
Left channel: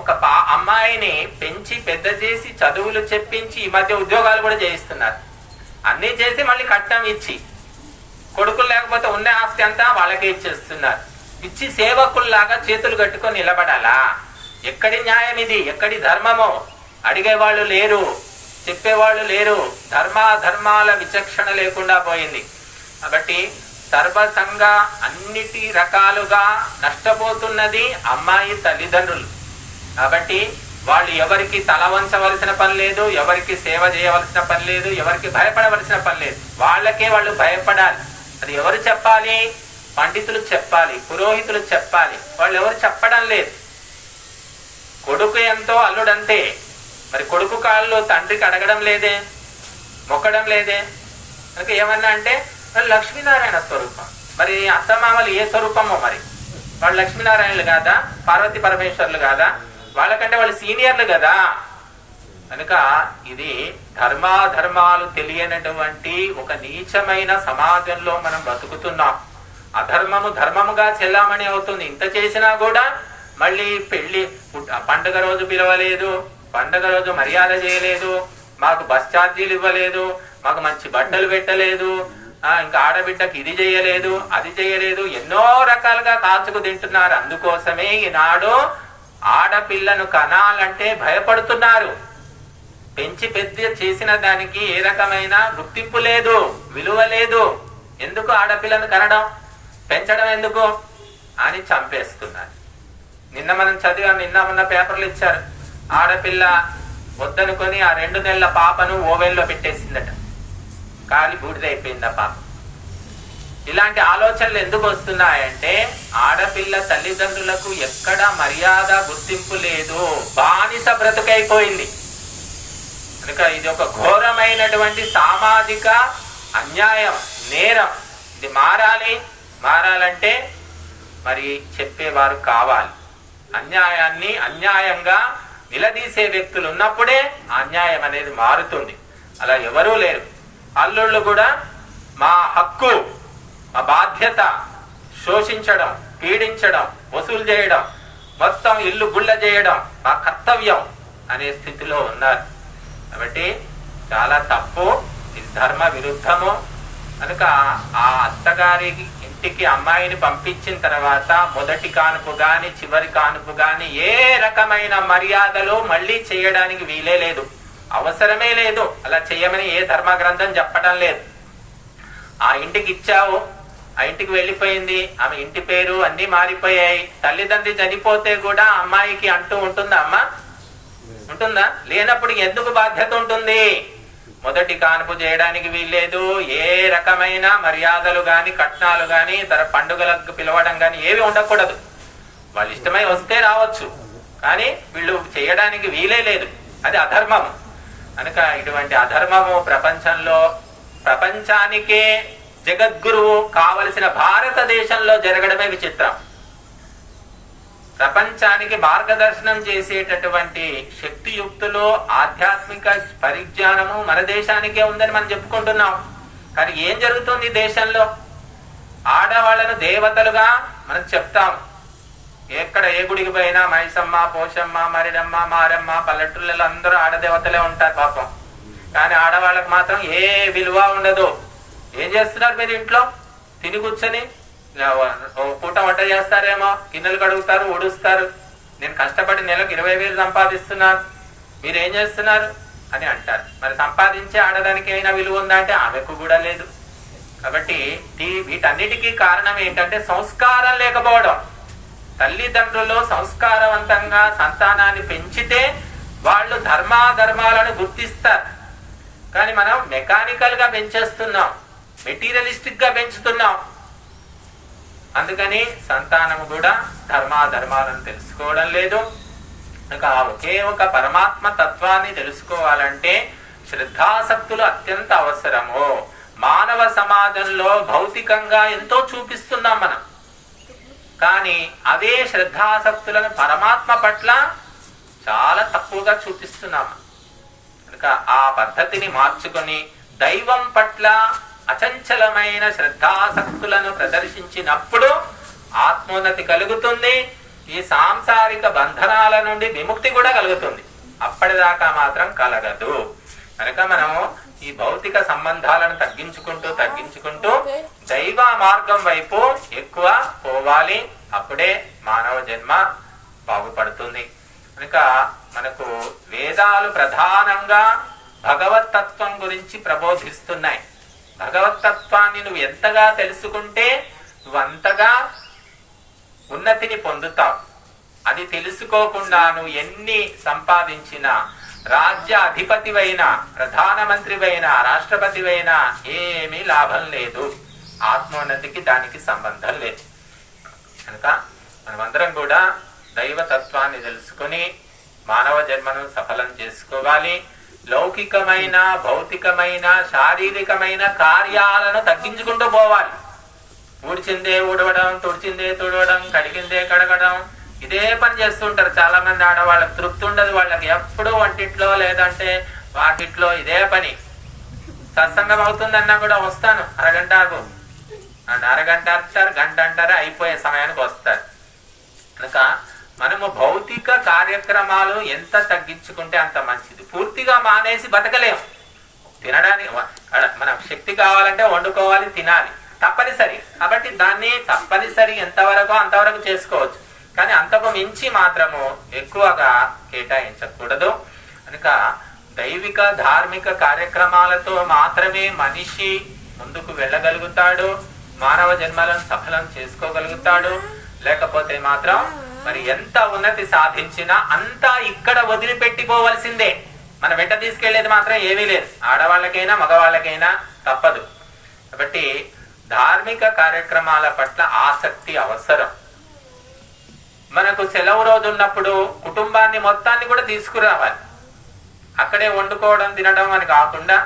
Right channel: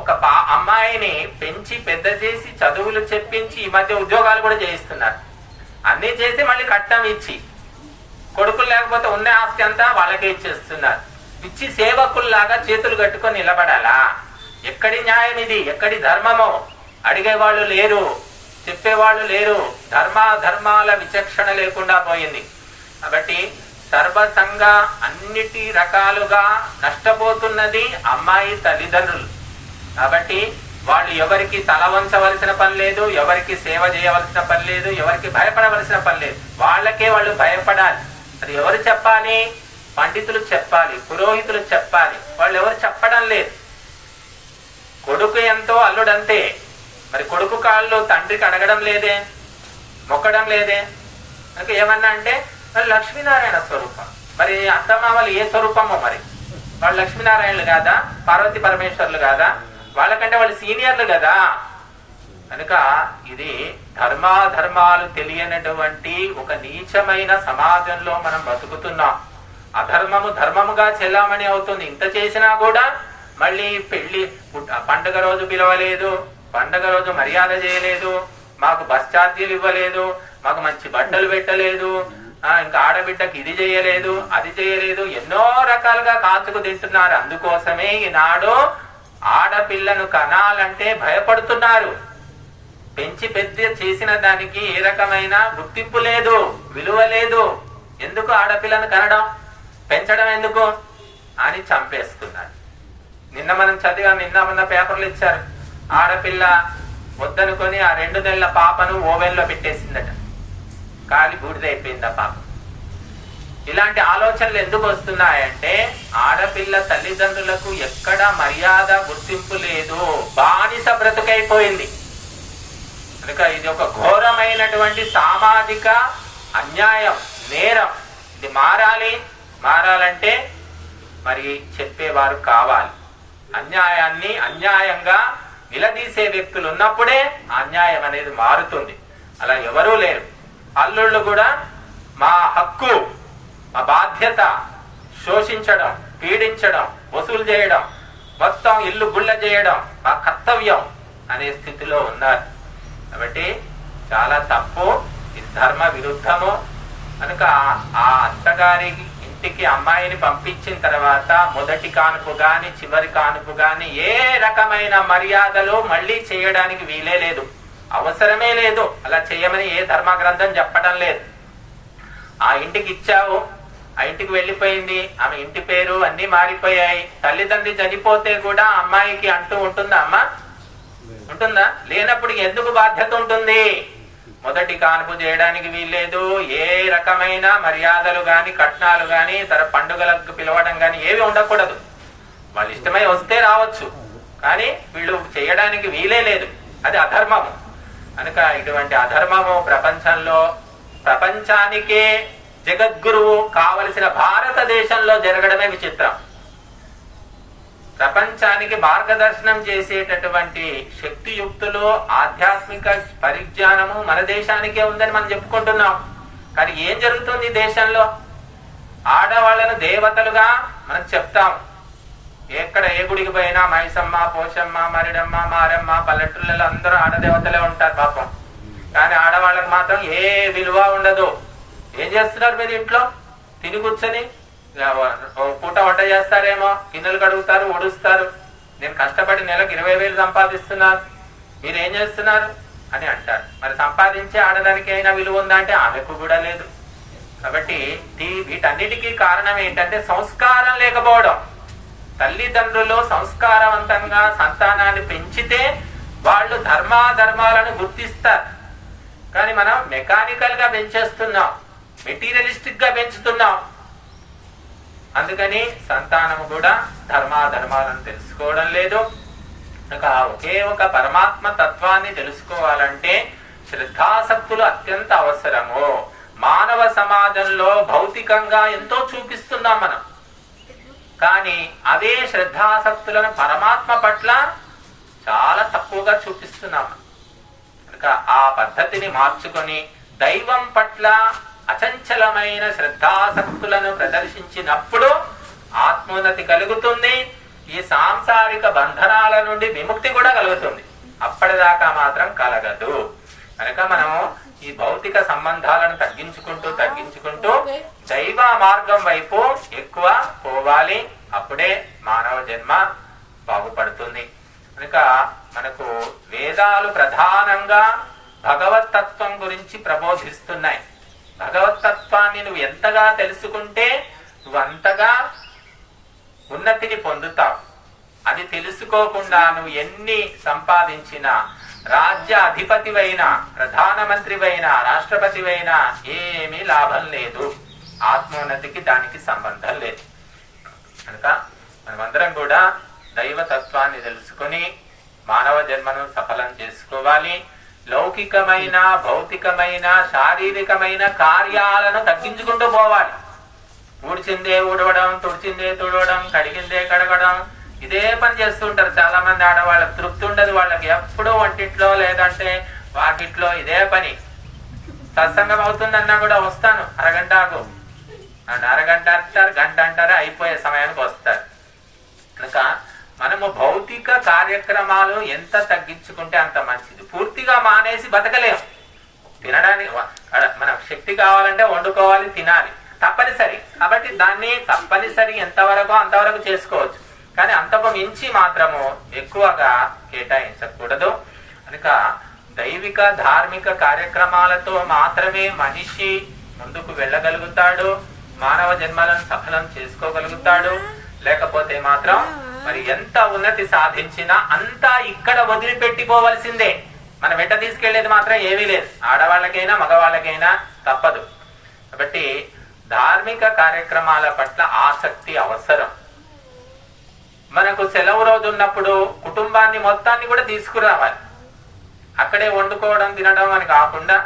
ఒక అమ్మాయిని పెంచి పెద్ద చేసి చదువులు చెప్పించి ఈ మధ్య ఉద్యోగాలు కూడా చేయిస్తున్నారు. అన్ని చేసి మళ్ళీ కట్నం ఇచ్చి, కొడుకులు లేకపోతే ఉన్న ఆస్తి అంతా వాళ్ళకే ఇచ్చేస్తున్నారు. ఇచ్చి సేవకుల్లాగా చేతులు కట్టుకొని నిలబడాలా? ఎక్కడి న్యాయం ఇది? ఎక్కడి ధర్మమో? అడిగేవాళ్ళు లేరు, చెప్పేవాళ్ళు లేరు. ధర్మాల విచక్షణ లేకుండా పోయింది. కాబట్టి సర్వసంగా అన్నిటి రకాలుగా నష్టపోతున్నది అమ్మాయి తల్లిదండ్రులు. కాబట్టి వాళ్ళు ఎవరికి తల వంచవలసిన పని లేదు, ఎవరికి సేవ చేయవలసిన పని లేదు, ఎవరికి భయపడవలసిన పని లేదు. వాళ్ళకే వాళ్ళు భయపడాలి. అది ఎవరు చెప్పాలి? పండితులు చెప్పాలి, పురోహితులు చెప్పాలి. వాళ్ళు ఎవరు చెప్పడం లేదు. కొడుకు ఎంతో అల్లుడంతే. మరి కొడుకు కాళ్ళు తండ్రికి అడగడం లేదే, మొక్కడం లేదే. అందుకే ఏమన్నా అంటే లక్ష్మీనారాయణ స్వరూపం. మరి అత్తమామలు ఏ స్వరూపమో? మరి వాళ్ళు లక్ష్మీనారాయణలు కాదా? పార్వతీ పరమేశ్వర్లు కాదా? వాళ్ళకంటే వాళ్ళు సీనియర్లు కదా. కనుక ఇది ధర్మాలు తెలియనటువంటి ఒక నీచమైన సమాజంలో మనం బతుకుతున్నాం. అధర్మము ధర్మముగా చెల్లామణి అవుతుంది. ఇంత చేసినా కూడా మళ్ళీ పెళ్లి పండుగ రోజు పిలవలేదు, పండుగ రోజు మర్యాద చేయలేదు, మాకు బస్ ఛార్జీలు ఇవ్వలేదు, మాకు మంచి బట్టలు పెట్టలేదు, ఇంకా ఆడబిడ్డకి ఇది చేయలేదు, అది చేయలేదు, ఎన్నో రకాలుగా కాచుకు తింటున్నారు. అందుకోసమే ఈనాడు ఆడపిల్లను కనాలంటే భయపడుతున్నారు. పెంచి పెద్ద చేసిన దానికి ఏ రకమైన గుర్తింపు లేదు, విలువ లేదు. ఎందుకు ఆడపిల్లను కనడం, పెంచడం ఎందుకు అని చంపేస్తున్నారు. నిన్న మనం చదివాం, నిన్న మొన్న పేపర్లు ఇచ్చారు. ఆడపిల్ల వద్దనుకొని ఆ 2 నెలల పాపను ఓవెన్లో పెట్టేసిందట, కాలి బూడిదైపోయింది ఆ పాప. ఇలాంటి ఆలోచనలు ఎందుకు వస్తున్నాయంటే ఆడపిల్ల తల్లిదండ్రులకు ఎక్కడ మర్యాద, గుర్తింపు లేదు, బానిస బ్రతుకైపోయింది. కనుక ఇది ఒక ఘోరమైనటువంటి సామాజిక అన్యాయం, నేరం. ఇది మారాలంటే మరి చెప్పేవారు కావాలి. అన్యాయాన్ని అన్యాయంగా నిలదీసే వ్యక్తులు ఉన్నప్పుడే అన్యాయం అనేది మారుతుంది. అలా ఎవరూ లేరు. అల్లుళ్ళు కూడా మా హక్కు, మా బాధ్యత శోషించడం, పీడించడం, వసూలు చేయడం, మొత్తం ఇల్లు గుళ్ళ చేయడం మా కర్తవ్యం అనే స్థితిలో ఉన్నారు. కాబట్టి చాలా తప్పు, ఇది ధర్మ విరుద్ధము. కనుక ఆ అత్తగారి ఇంటికి అమ్మాయిని పంపించిన తర్వాత మొదటి కానుపు గాని చివరి కానుపు గాని ఏ రకమైన మర్యాదలు మళ్ళీ చేయడానికి వీలే లేదు, అవసరమే లేదు. అలా చేయమని ఏ ధర్మ గ్రంథం చెప్పడం లేదు. ఆ ఇంటికి ఇచ్చావు, ఆ ఇంటికి వెళ్ళిపోయింది, ఆమె ఇంటి పేరు అన్ని మారిపోయాయి. తల్లిదండ్రి చనిపోతే కూడా అమ్మాయికి అంటూ ఉంటుందా? అమ్మ ఉంటుందా? లేనప్పుడు ఎందుకు బాధ్యత ఉంటుంది? మొదటి కానుపు చేయడానికి వీల్లేదు, ఏ రకమైన మర్యాదలు గాని కట్నాలు గాని పండుగలకు పిలవడం గాని ఏవి ఉండకూడదు. వాళ్ళు ఇష్టమై వస్తే రావచ్చు, కానీ వీళ్ళు చేయడానికి వీలే లేదు. అది అధర్మము. కనుక ఇటువంటి అధర్మము ప్రపంచానికే జగద్గురువు కావలసిన భారతదేశంలో జరగడమే విచిత్రం. ప్రపంచానికి మార్గదర్శనం చేసేటటువంటి శక్తియుక్తులు, ఆధ్యాత్మిక పరిజ్ఞానము మన దేశానికే ఉందని మనం చెప్పుకుంటున్నాం. కానీ ఏం జరుగుతుంది దేశంలో? ఆడవాళ్లను దేవతలుగా మనం చెప్తాం. ఎక్కడ ఏ గుడికి పోయినా మైసమ్మ, పోషమ్మ, మరిడమ్మ, మారమ్మ, పల్లెటూళ్ళలో అందరూ ఆడదేవతలే ఉంటారు పాపం. కానీ ఆడవాళ్ళకు మాత్రం ఏ విలువ ఉండదు. ఏం చేస్తున్నారు మీరు? ఇంట్లో తిని కూర్చొని పూట వంట చేస్తారేమో, గిన్నెలు కడుగుతారు, ఊడుస్తారు. నేను కష్టపడి నెలకు 20,000 సంపాదిస్తున్నాను, మీరేం చేస్తున్నారు అని అంటారు. మరి సంపాదించే ఆడదానికి అయినా విలువ ఉందా అంటే ఆమెకు కూడా లేదు. కాబట్టి వీటన్నిటికీ కారణం ఏంటంటే సంస్కారం లేకపోవడం. తల్లిదండ్రులు సంస్కారవంతంగా సంతానాన్ని పెంచితే వాళ్ళు ధర్మాలను గుర్తిస్తారు. కానీ మనం మెకానికల్ గా పెంచేస్తున్నాం, మెటీరియలిస్టిక్ గా పెంచుతున్నాం. అందుకని సంతానము కూడా ధర్మాలను తెలుసుకోవడం లేదు. ఒకే ఒక పరమాత్మ తత్వాన్ని తెలుసుకోవాలంటే శ్రద్ధాసక్తులు అత్యంత అవసరము. మానవ సమాజంలో భౌతికంగా ఎంతో చూపిస్తున్నాం మనం, కానీ అదే శ్రద్ధాసక్తులను పరమాత్మ పట్ల చాలా తక్కువగా చూపిస్తున్నాం. కనుక ఆ పద్ధతిని మార్చుకొని దైవం పట్ల అచంచలమైన శ్రద్ధాసక్తులను ప్రదర్శించినప్పుడు ఆత్మోన్నతి కలుగుతుంది. ఈ సాంసారిక బంధనాల నుండి విముక్తి కూడా కలుగుతుంది. అప్పటిదాకా మాత్రం కలగదు. కనుక మనం ఈ భౌతిక సంబంధాలను తగ్గించుకుంటూ దైవ మార్గం వైపు ఎక్కువ పోవాలి. అప్పుడే మానవ జన్మ బాగుపడుతుంది. కనుక మనకు వేదాలు ప్రధానంగా భగవతత్వం గురించి ప్రబోధిస్తున్నాయి. భగవతత్వాన్ని నువ్వు ఎంతగా తెలుసుకుంటే నువ్వంతగా ఉన్నతిని పొందుతావు. అది తెలుసుకోకుండా నువ్వు ఎన్ని సంపాదించినా, రాజ్య అధిపతివైనా, ప్రధానమంత్రివైనా, రాష్ట్రపతివైనా ఏమీ లాభం లేదు. ఆత్మోన్నతికి దానికి సంబంధం లేదు. కనుక మనమందరం కూడా దైవతత్వాన్ని తెలుసుకుని మానవ జన్మను సఫలం చేసుకోవాలి. లౌకికమైన, భౌతికమైన, శారీరకమైన కార్యాలను తగ్గించుకుంటూ పోవాలి. ఊడ్చిందే ఊడవడం, తుడిచిందే తుడవడం, కడిగిందే కడగడం, ఇదే పని చేస్తుంటారు చాలా మంది ఆడవాళ్ళకి. తృప్తి ఉండదు వాళ్ళకి. ఎప్పుడూ వంటిట్లో లేదంటే వాకిట్లో ఇదే పని. సత్సంగం అవుతుందన్నా కూడా వస్తాను అరగంటకు అండ్ అరగంట అంటారు, గంట అంటారు, అయిపోయే సమయానికి వస్తారు. కనుక మనము భౌతిక కార్యక్రమాలు ఎంత తగ్గించుకుంటే అంత మంచిది. పూర్తిగా మానేసి బతకలేము. తినడానికి మన శక్తి కావాలంటే వండుకోవాలి, తినాలి, తప్పనిసరి. కాబట్టి దాన్ని తప్పనిసరి ఎంతవరకు అంతవరకు చేసుకోవచ్చు, కానీ అంతకు మించి మాత్రము ఎక్కువగా కేటాయించకూడదు. కనుక దైవిక ధార్మిక కార్యక్రమాలతో మాత్రమే మనిషి ముందుకు వెళ్ళగలుగుతాడు, మానవ జన్మలను సఫలం చేసుకోగలుగుతాడు. లేకపోతే మాత్రం మరి ఎంత ఉన్నతి సాధించినా అంతా ఇక్కడ వదిలిపెట్టిపోవలసిందే. మన వెంట తీసుకెళ్లేది మాత్రం ఏమీ లేదు. ఆడవాళ్ళకైనా మగవాళ్ళకైనా తప్పదు. కాబట్టి ధార్మిక కార్యక్రమాల పట్ల ఆసక్తి అవసరం. మనకు సెలవు రోజు ఉన్నప్పుడు కుటుంబాన్ని మొత్తాన్ని కూడా తీసుకురావాలి. అక్కడే వండుకోవడం తినడం అని కాకుండా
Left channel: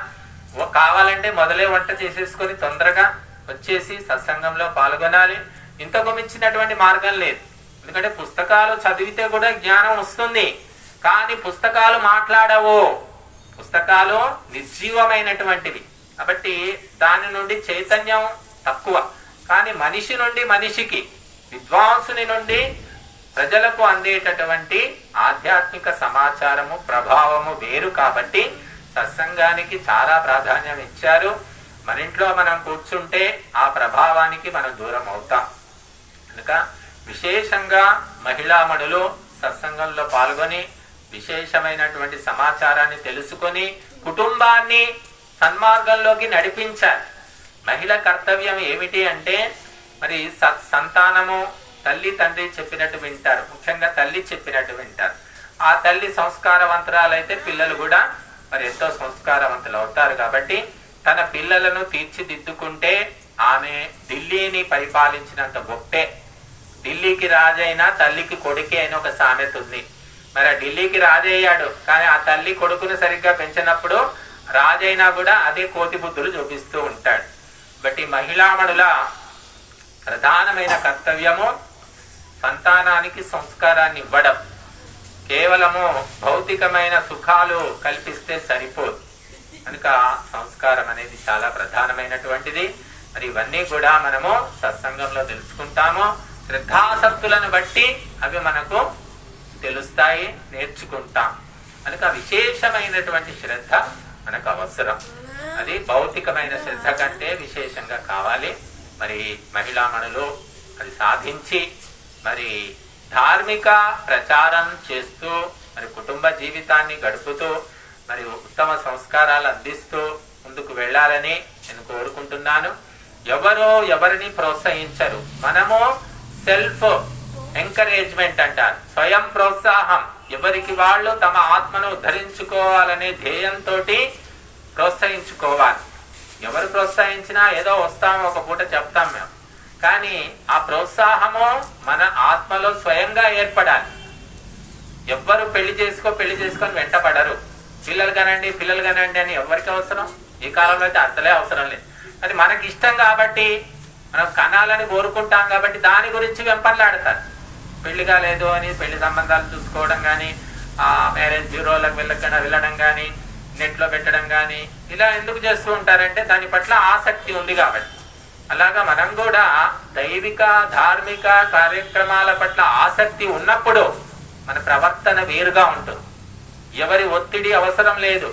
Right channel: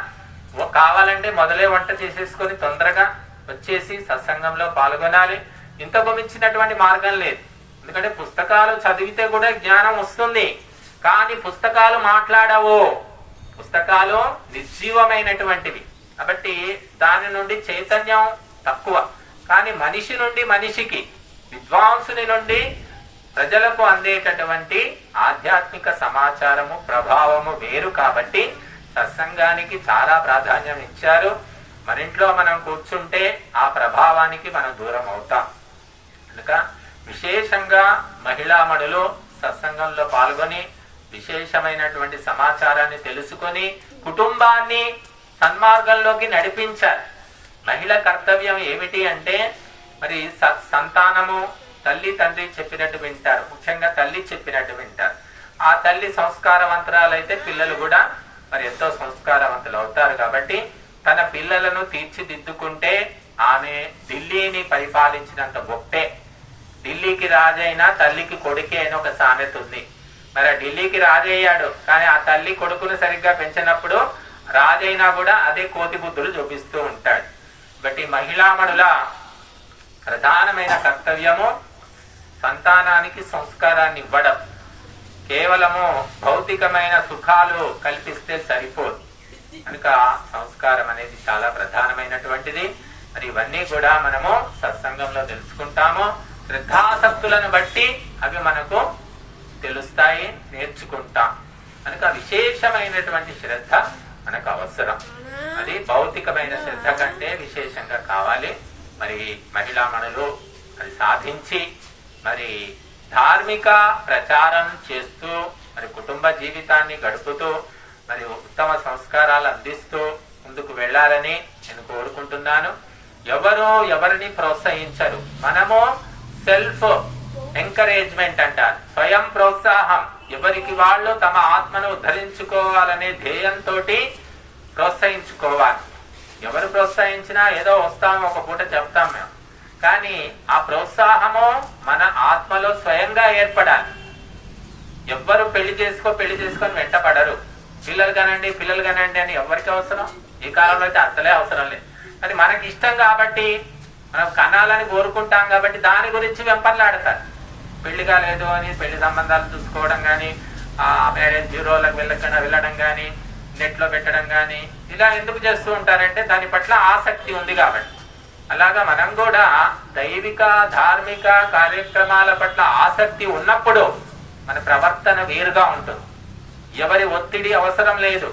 కావాలంటే మొదలే వంట చేసేసుకొని తొందరగా వచ్చేసి సత్సంగంలో పాల్గొనాలి. ఇంతకు మించినటువంటి మార్గం లేదు. ఎందుకంటే పుస్తకాలు చదివితే కూడా జ్ఞానం వస్తుంది, కానీ పుస్తకాలు మాట్లాడవు. పుస్తకాలు నిర్జీవమైనటువంటివి కాబట్టి దాని నుండి చైతన్యం తక్కువ. కానీ మనిషి నుండి మనిషికి, విద్వాంసుని నుండి ప్రజలకు అందేటటువంటి ఆధ్యాత్మిక సమాచారము ప్రభావము వేరు. కాబట్టి సత్సంగానికి చాలా ప్రాధాన్యం ఇచ్చారు. మన ఇంట్లో మనం కూర్చుంటే ఆ ప్రభావానికి మనం దూరం అవుతాం. కనుక విశేషంగా మహిళామణులు సత్సంగంలో పాల్గొని విశేషమైనటువంటి సమాచారాన్ని తెలుసుకొని కుటుంబాన్ని సన్మార్గంలోకి నడిపించాలి. మహిళ కర్తవ్యం ఏమిటి అంటే మరి సంతానము తల్లి తండ్రి చెప్పినట్టు వింటారు. ముఖ్యంగా తల్లి చెప్పినట్టు వింటారు. ఆ తల్లి సంస్కారవంతురాలైతే పిల్లలు కూడా మరి ఎంతో సంస్కారవంతులు అవుతారు. కాబట్టి తన పిల్లలను తీర్చిదిద్దుకుంటే ఆమె ఢిల్లీని పరిపాలించినంత గొప్పే. ఢిల్లీకి రాజైనా తల్లికి కొడుకే అని ఒక సామెత ఉంది. మరి ఆ ఢిల్లీకి రాజయ్యాడు, కానీ ఆ తల్లి కొడుకును సరిగ్గా పెంచినప్పుడు రాజైనా కూడా అదే కోతి బుద్ధులు చూపిస్తూ ఉంటాడు. బట్టి మహిళామణుల ప్రధానమైన కర్తవ్యము సంతానానికి సంస్కారాన్ని ఇవ్వడం. కేవలము భౌతికమైన సుఖాలు కల్పిస్తే సరిపోదు. కనుక సంస్కారం అనేది చాలా ప్రధానమైనటువంటిది. మరి ఇవన్నీ కూడా మనము సత్సంగంలో తెలుసుకుంటాము. శ్రద్ధాసక్తులను బట్టి అవి మనకు తెలుస్తాయి, నేర్చుకుంటాం. కనుక విశేషమైనటువంటి శ్రద్ధ మనకు అవసరం. అది భౌతికమైన శ్రద్ధ కంటే విశేషంగా కావాలి. మరి మహిళామణులు అది సాధించి మరి ధార్మిక ప్రచారం చేస్తూ మరి కుటుంబ జీవితాన్ని గడుపుతూ మరి ఉత్తమ సంస్కారాలు అందిస్తూ ముందుకు వెళ్ళాలని నేను కోరుకుంటున్నాను. ఎవరిని ప్రోత్సహించరు. మనము సెల్ఫ్ ఎంకరేజ్మెంట్ అంటారు, స్వయం ప్రోత్సాహం. ఎవరికి వాళ్ళు తమ ఆత్మను ఉద్ధరించుకోవాలనే ధ్యేయంతో ప్రోత్సహించుకోవాలి. ఎవరు ప్రోత్సహించినా ఏదో వస్తాము, ఒక పూట చెప్తాం మేము, కానీ ఆ ప్రోత్సాహము మన ఆత్మలో స్వయంగా ఏర్పడాలి. ఎవ్వరు పెళ్లి చేసుకొని వెంటపడరు. పిల్లలు కనండి అని ఎవరికి అవసరం? ఈ కాలంలో అయితే అసలే అవసరం లేదు. అది మనకి ఇష్టం కాబట్టి, మనం కనాలని కోరుకుంటాం కాబట్టి దాని గురించి వెంపర్లాడతారు. పెళ్లి కాలేదు అని పెళ్లి సంబంధాలు చూసుకోవడం గాని, ఆ మ్యారేజ్ బ్యూరోలకు వెళ్ళడం గాని, నెట్ లో పెట్టడం గాని, ఇలా ఎందుకు చేస్తూ ఉంటారంటే దాని పట్ల ఆసక్తి ఉంది కాబట్టి. అలాగా మనం కూడా దైవిక ధార్మిక కార్యక్రమాల పట్ల ఆసక్తి ఉన్నప్పుడు మన ప్రవర్తన వేరుగా ఉంటుంది. ఎవరి ఒత్తిడి అవసరం లేదు,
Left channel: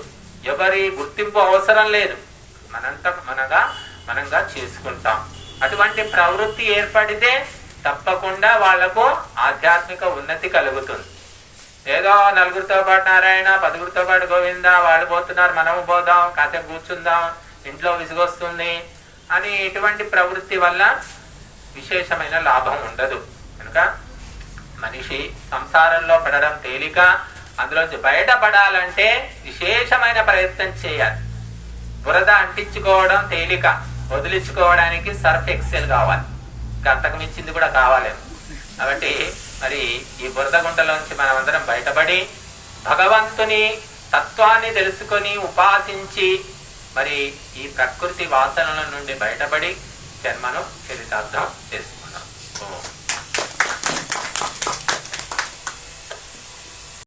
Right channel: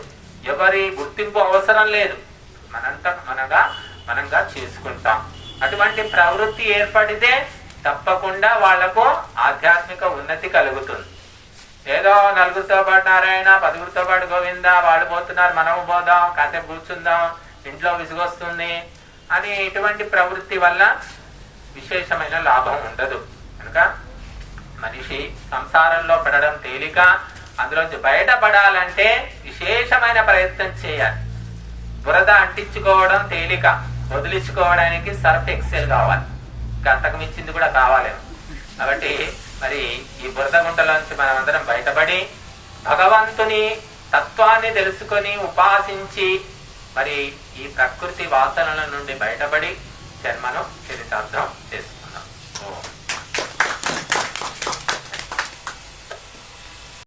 ఎవరి గుర్తింపు అవసరం లేదు. మనంగా చేసుకుంటాం. అటువంటి ప్రవృత్తి ఏర్పడితే తప్పకుండా వాళ్లకు ఆధ్యాత్మిక ఉన్నతి కలుగుతుంది. ఏదో నలుగురితో పాటు నారాయణ, 10గురితో పాటు గోవింద, వాళ్ళు పోతున్నారు మనము పోదాం, కాసేపు కూర్చుందాం, ఇంట్లో విసుగొస్తుంది అని ఇటువంటి ప్రవృత్తి వల్ల విశేషమైన లాభం ఉండదు. కనుక మనిషి సంసారంలో పడడం తేలిక, అందులోంచి బయటపడాలంటే విశేషమైన ప్రయత్నం చేయాలి. బురద అంటించుకోవడం తేలిక, వదిలించుకోవడానికి సర్ఫ్ ఎక్సెల్ కావాలి. ఇంకా అంతకు మించింది కూడా కావాలి. కాబట్టి మరి ఈ బురద గుంటల నుంచి మనం అందరం బయటపడి భగవంతుని తత్వాన్ని తెలుసుకొని ఉపాసించి మరి ఈ ప్రకృతి వాసనల నుండి బయటపడి జన్మను చరితార్థం